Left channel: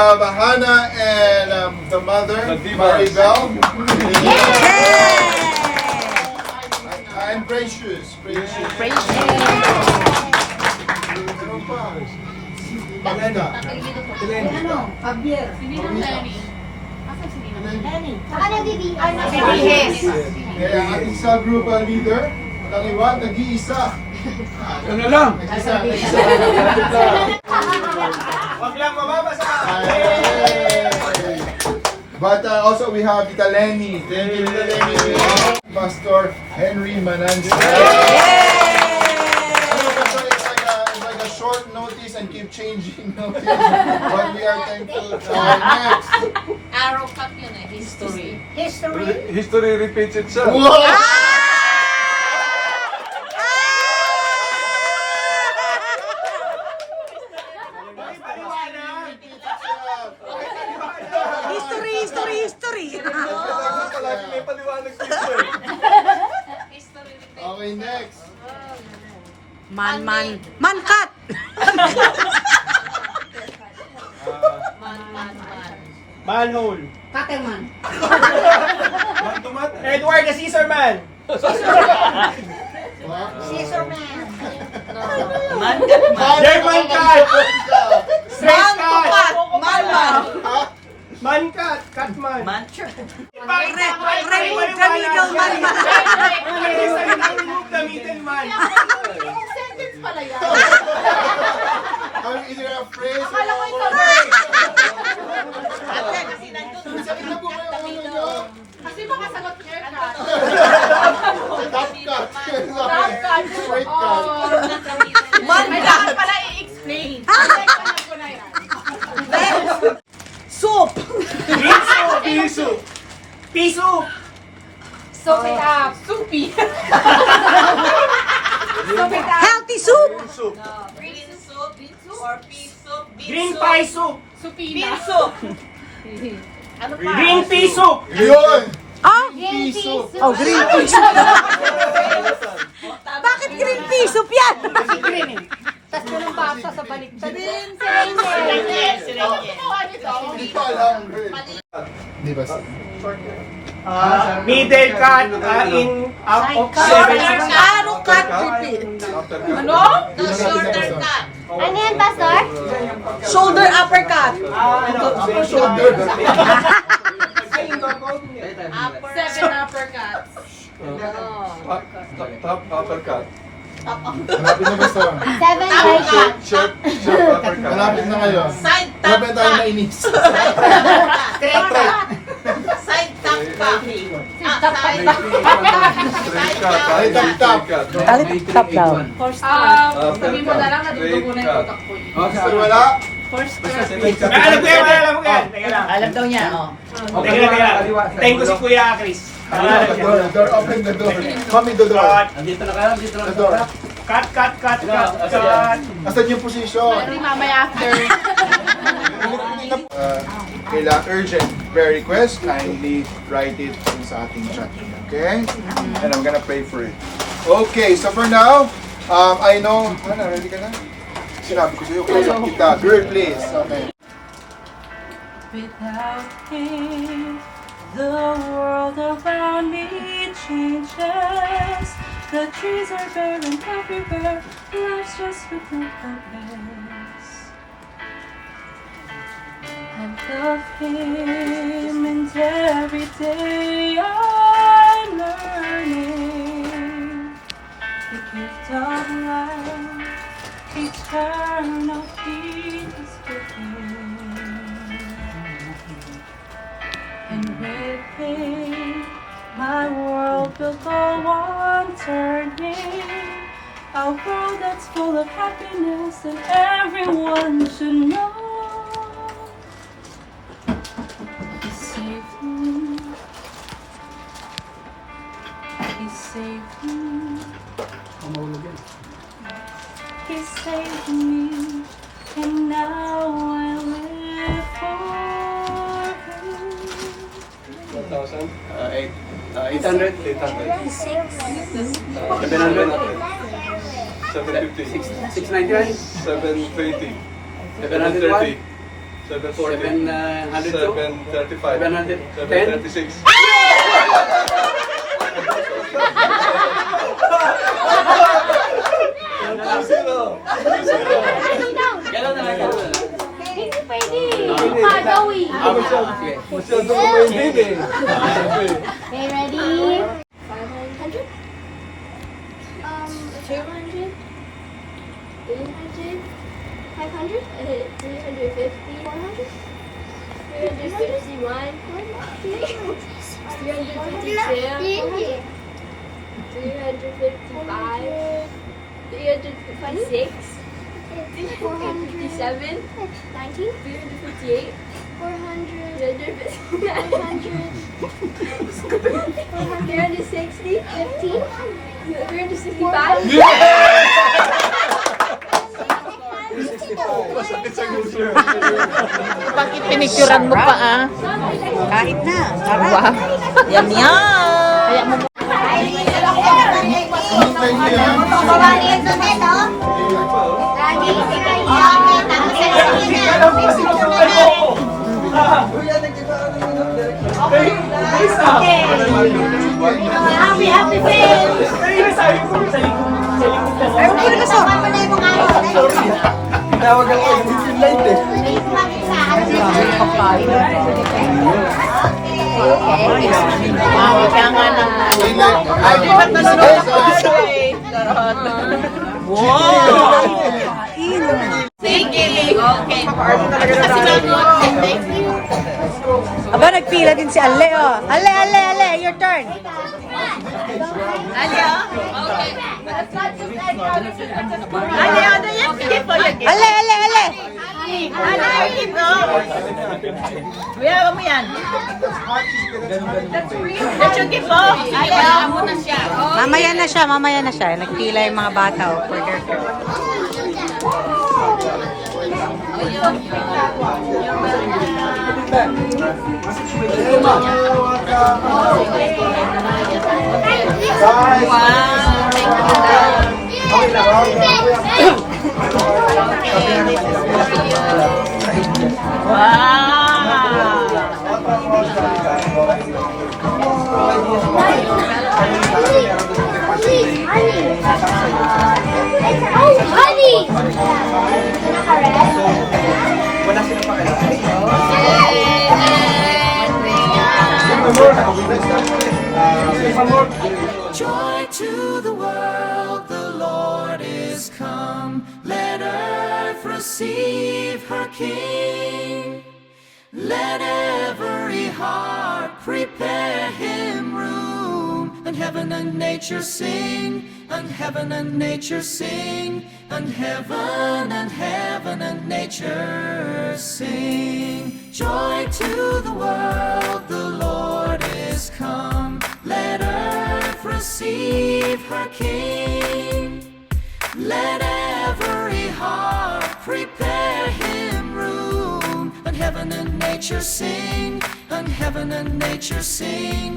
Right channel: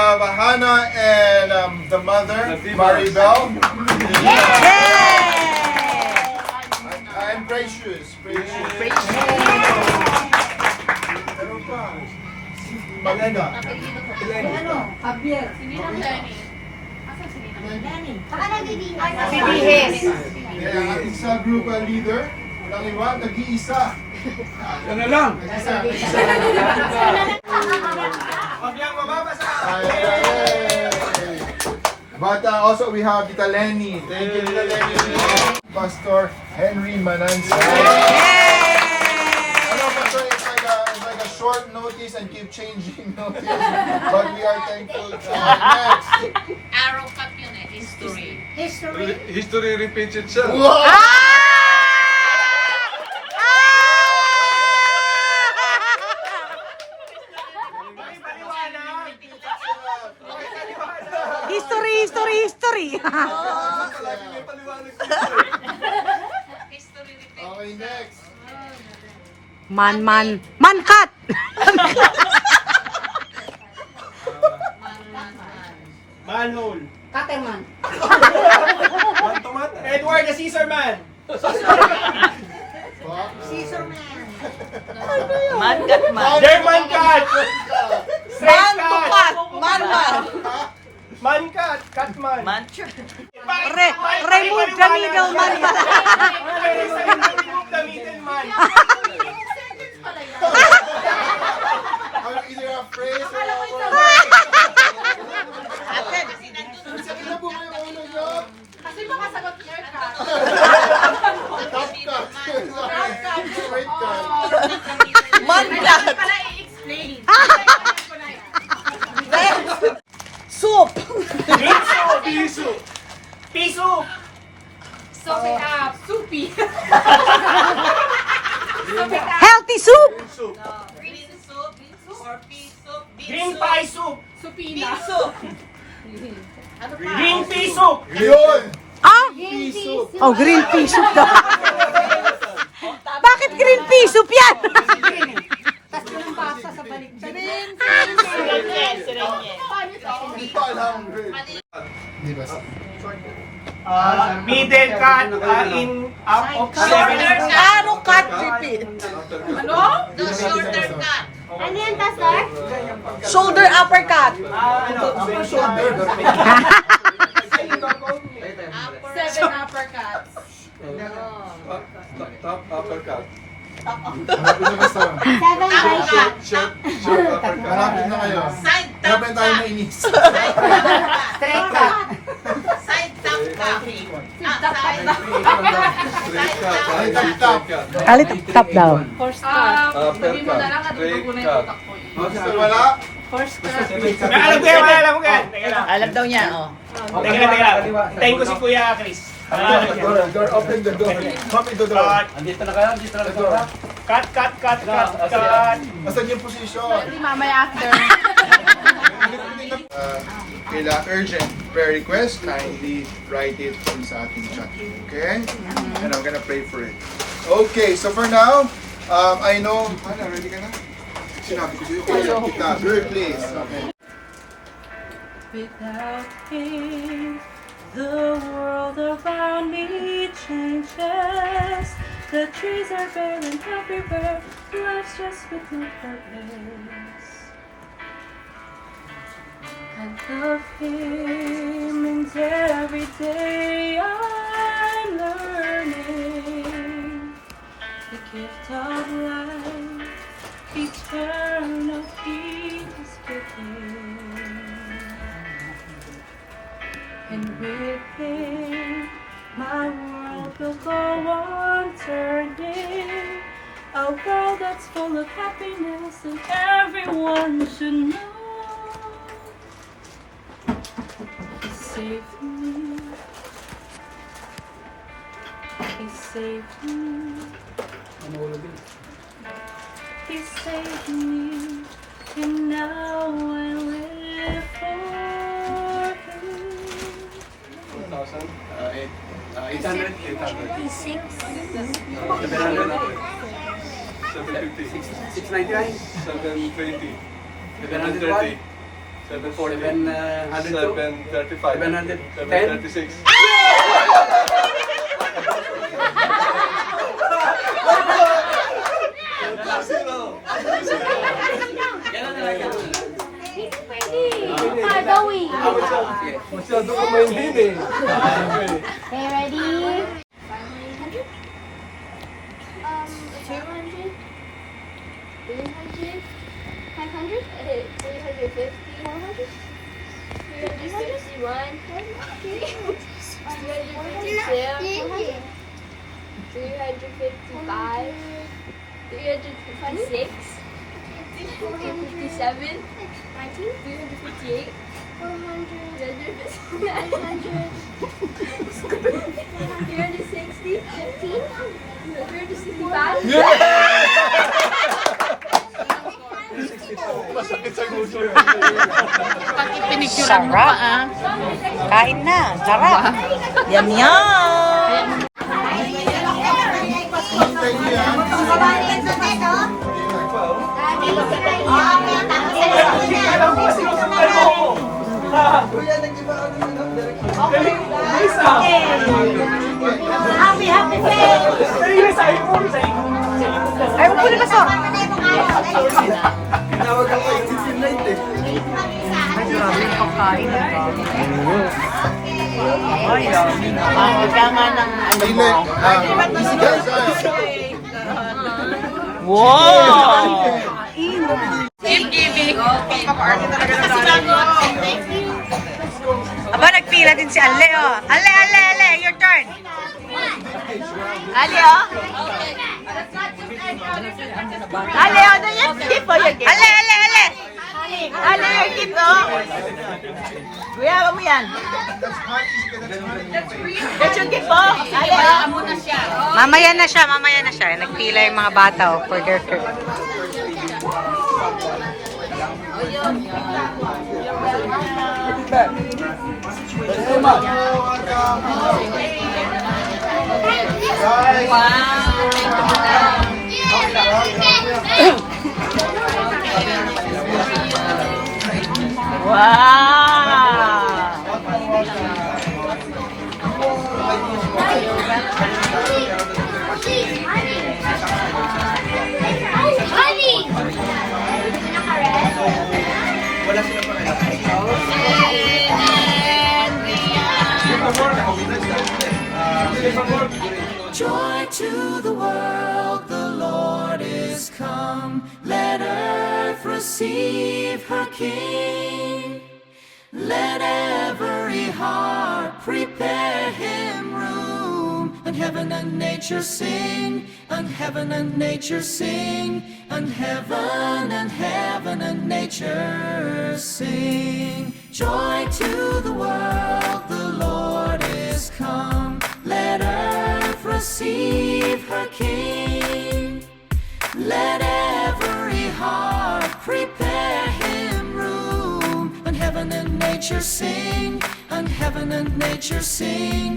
have Hannah and the mother, Maribel. And Precious. Palena. Javier. Saka nagiging Ang isa group leader. Taliwan, nag-iisa. Ano lang? Wag lang mababasa. But also we have Tita Lenny. Thank you, Tita Lenny. Pastor Henry Mananza. Hello, Pastor. It's like a short notice and keep changing notice. But we are thankful. Next. Arrow cut yun eh. History. History repeats itself. Wow! History. Okay, next. Man cut. Manhole. Katerman. Man to man. Edward the Caesar Man. Scissor man. German cat. Straight cat. Man cat. Cat man. Remove the middle man. Remove the middle man. Sentence pala yan. Is there a phrase? Kasi makasagot haircut. Top cut. Straight cut. Kailangan pala i-explain. Ko na yan. Soup. Piso. Piso. So, soupy. Healthy soup. Green pie soup. Supina. Green pea soup. Yun! Green pea soup. Oh, green pea soup. Bakit green pea soup yan? Tapos yun ang basa sa baliktad. Hindi pa alam. Di ba? Middle cut in up of 7. Ano cut repeat? Ano? Shorter cut. Ano yan, Pastor? Shoulder uppercut. Shoulder. 7 uppercuts. Top uppercut. Malapit na ba ito? 7 right cut. Sharp uppercut. Malapit na kayo. Malapit na tayo mainis. Straight cut. Straight cut. Straight cut. Sabihin mo na lang, natutugo na yung utak ko. Basta wala. Alam mo yan. Alam daw niya, oh. Teka. Tayo ko si Kuya Chris. Door, open the door. Mami, the door. The door. Cut. Asan yung position? Hindi mamaya after. Kailangan urgent prayer request, kindly write it sa ating chat. Okay? And I'm gonna pray for it. Okay, so for now, I know, ready ka na? Sinabi ko sa'yo, kaya lang kita. Girl, please. Okay. Without him, the world around me changes. The trees are barren everywhere. Life's just without purpose. I love him, and every day I'm learning the gift of life, eternal peace within. And with him, my world will go on turning. A world that's full of happiness, and everyone should know. He saved me. He saved me. He saved me, and now I live for him. 1,000? 800. 750. 699. 720. 730. 740. 735. 736. Hindi pwede. Pagawin. Masyado ko maintin eh. Okay, ready? 500? 400? 300? 500? 350? 400? 361? 352? 355? 356? 457? 19? 358? 400? 360? 15? 365? Pinicturean mo pa ah. Kain na. Sarap. Yum yum. Thank you, yan. Ayaw ko nila sir. Tinawag ako yung light eh. Ay, grabe yung pagkain. Ay, yummy na. Mahika nga ng Wow! Pagkain. Thank you. Okay. Aba, nagpila din si Ale, oh. Ale, your turn. Ale, oh. Okay. Ale, ano yan? Ale. Ale, yung dito. Kuya, mo yan. That's yung gift, oh. Ale, oh. Mamaya na siya. Nagpila yung mga bata, oh, for their turn. Joy to the world, the Lord is come. Let earth receive her King. Let every heart prepare him room. And heaven and nature sing, and heaven and nature sing, and heaven and nature sing. Joy to the world, the Lord is come. Let earth receive her King. Let every heart prepare him room. And heaven and nature sing, and heaven and nature sing,